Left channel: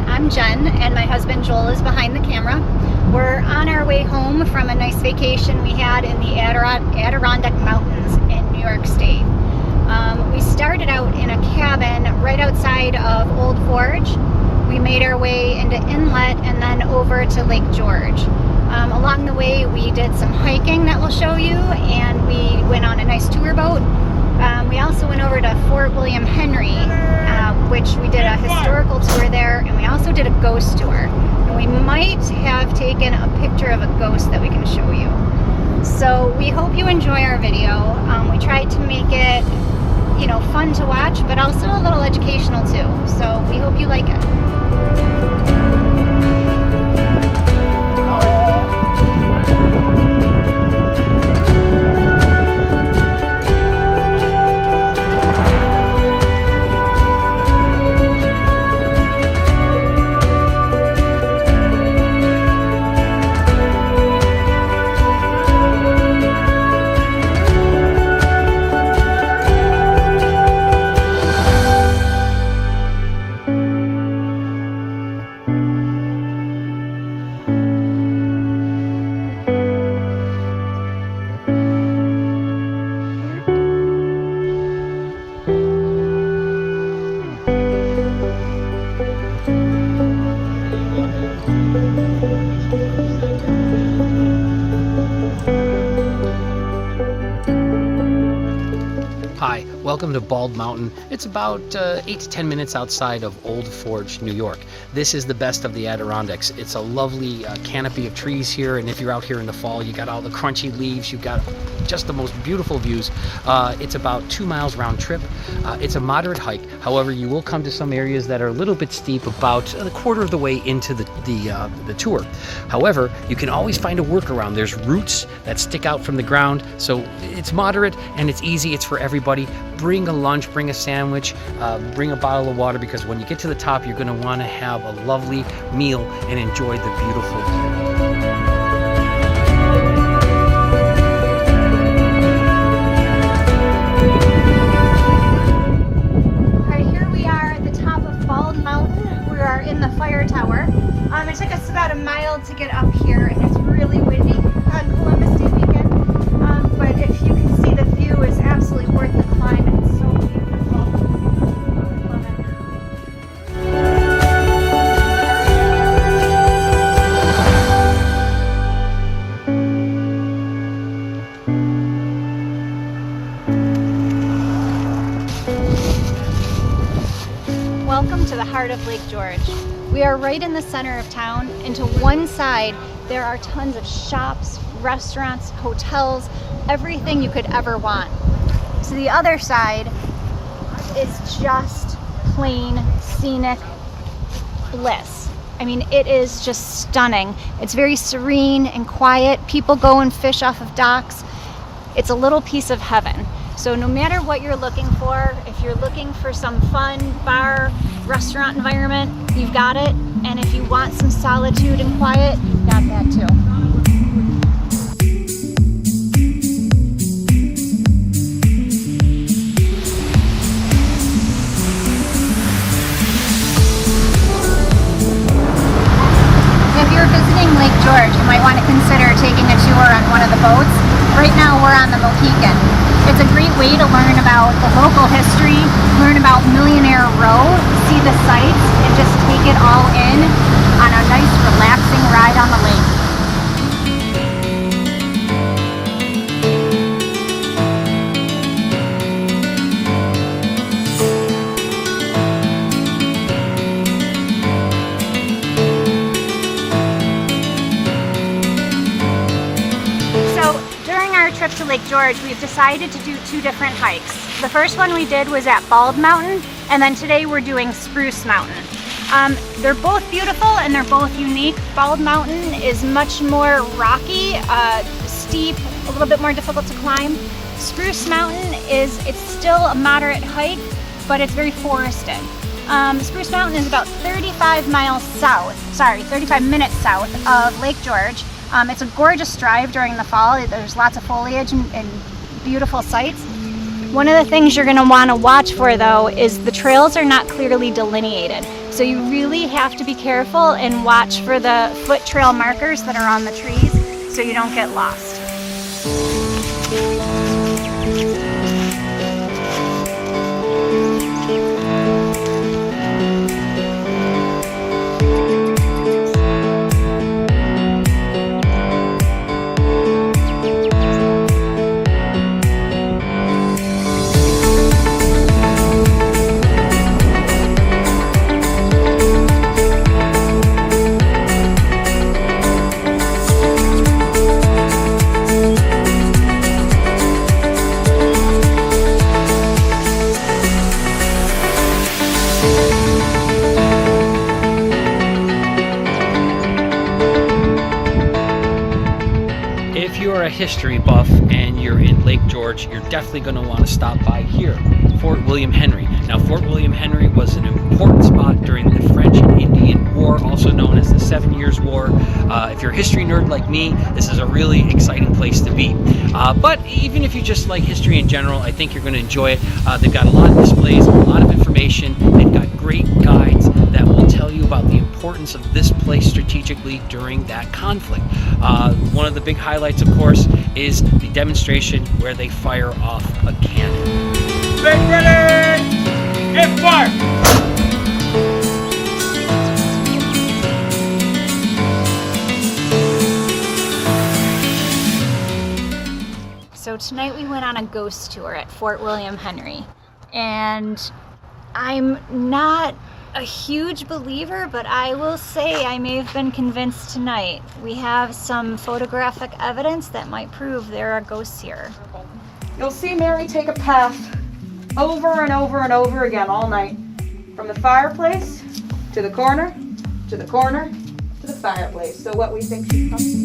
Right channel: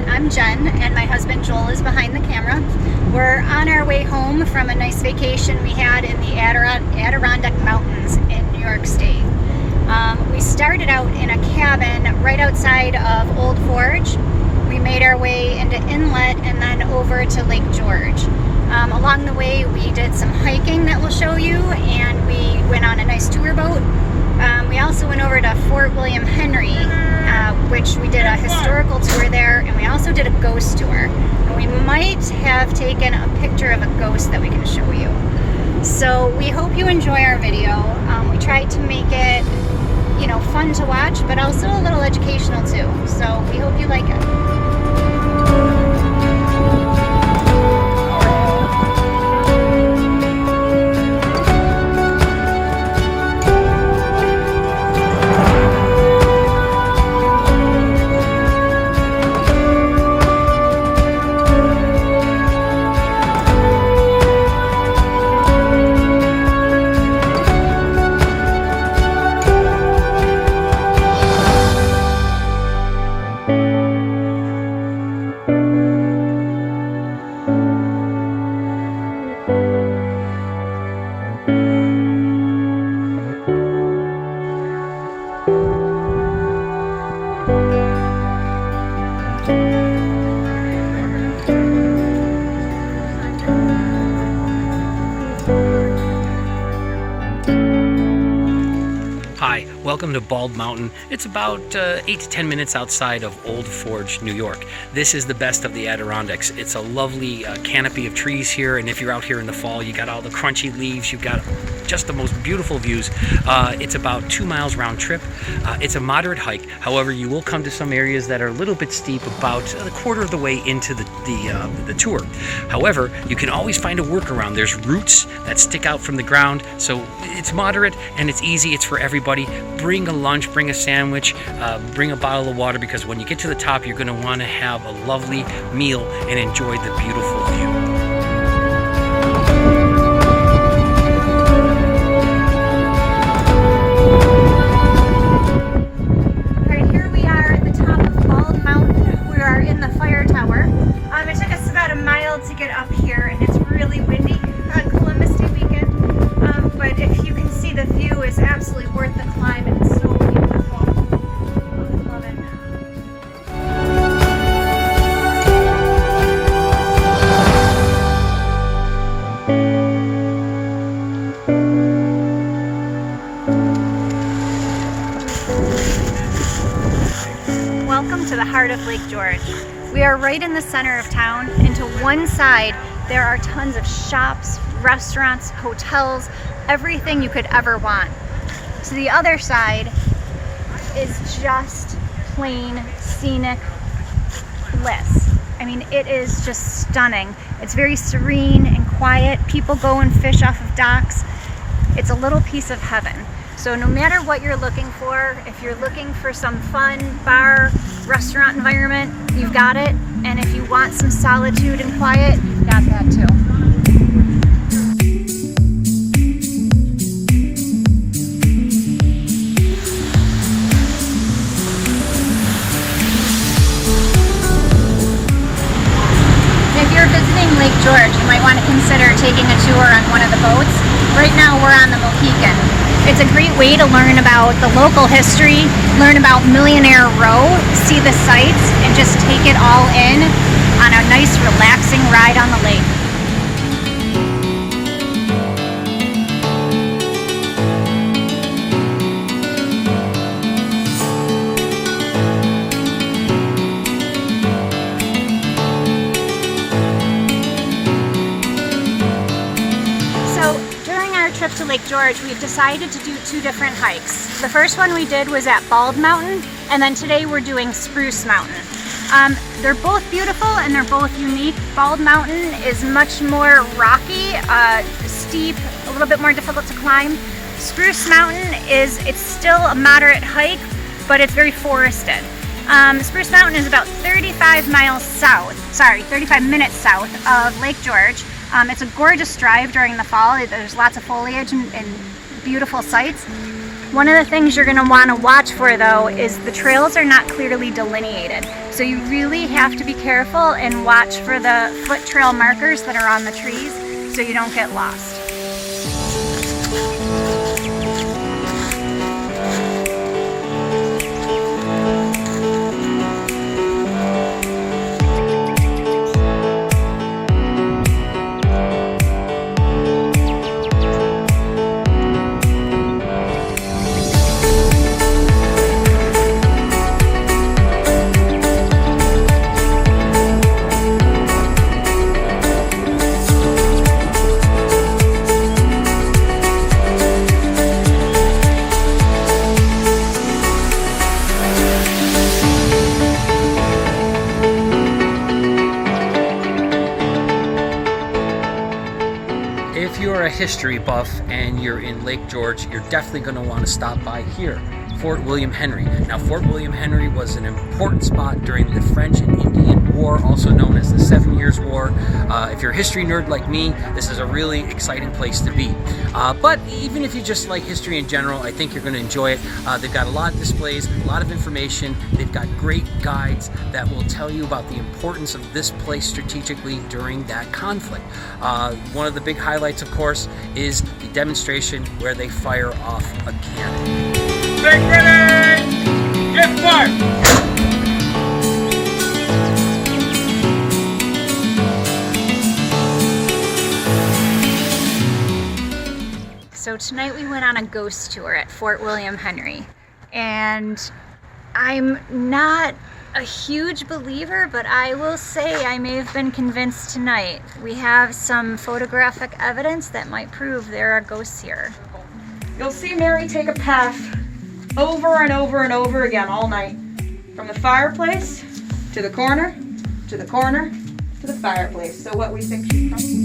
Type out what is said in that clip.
I'm Jen, and my husband Joel is behind the camera. We're on our way home from a nice vacation we had in the Adirondack Mountains in New York State. We started out in a cabin right outside of Old Forge. We made our way into Inlet and then over to Lake George. Along the way we did some hiking that we'll show you, and we went on a nice tour boat. We also went over to Fort William Henry, which we did a historical tour there, and we also did a ghost tour. And we might have taken a picture of a ghost that we can show you. So we hope you enjoy our video. We tried to make it, fun to watch, but also a little educational too. So we hope you like it. Hi, welcome to Bald Mountain. It's about 8 to 10 minutes outside of Old Forge, New York. This is the best of the Adirondacks. It's a lovely canopy of trees here, and if you're out here in the fall, you got all the crunchy leaves, you've got just the most beautiful views. It's about 2 miles round trip. It's a moderate hike. However, you will come to some areas that are a little bit steep, about a quarter of the way into the tour. However, you can always find a workaround. There's roots that stick out from the ground, so it's moderate and it's easy. It's for everybody. Bring a lunch, bring a sandwich, bring a bottle of water, because when you get to the top, you're going to want to have a lovely meal and enjoy the beautiful view. Bald Mountain. We are in the fire tower. It took us about a mile to get up here, and it's really windy on Columbus Day weekend. But if you can see, the view is absolutely worth the climb. It's so beautiful. I love it. Welcome to the heart of Lake George. We are right in the center of town, and to one side there are tons of shops, restaurants, hotels, everything you could ever want. To the other side is just plain scenic bliss. I mean, it is just stunning. It's very serene and quiet. People go and fish off of docks. It's a little piece of heaven. So no matter what you're looking for, if you're looking for some fun bar, restaurant environment, you've got it. And if you want some solitude and quiet, you've got that too. If you're visiting Lake George, you might want to consider taking a tour on one of the boats. Right now we're on the Mohican. It's a great way to learn about the local history, learn about Millionaire Row, see the sights, and just take it all in on a nice relaxing ride on the lake. During our trip to Lake George, we've decided to do 2 different hikes. The first one we did was at Bald Mountain, and then today we're doing Spruce Mountain. They're both beautiful and they're both unique. Bald Mountain is much more rocky, steep, a little bit more difficult to climb. Spruce Mountain it's still a moderate hike, but it's very forested. Spruce Mountain is about 35 minutes south of Lake George. It's a gorgeous drive during the fall. There's lots of foliage and beautiful sights. One of the things you're going to want to watch for, though, is the trails are not clearly delineated. So you really have to be careful and watch for the foot trail markers that are on the trees so you don't get lost. If you're a history buff and you're in Lake George, you're definitely going to want to stop by here, Fort William Henry. Now, Fort William Henry was an important spot during the French and Indian War, also known as the 7 Years' War. If you're a history nerd like me, this is a really exciting place to be. But even if you just like history in general, I think you're going to enjoy it. They've got a lot of displays, a lot of information. They've got great guides that will tell you about the importance of this place strategically during that conflict. One of the big highlights, of course, is the demonstration where they fire off a cannon. Get ready! Get fired! So tonight we went on a ghost tour at Fort William Henry, and I'm not a huge believer, but I will say I may have been convinced tonight. We have some photographic evidence that might prove there are ghosts here. You'll see Mary take a path over and over and over again all night. From the fireplace to the corner, to the corner, to the fireplace. So what we think she's from?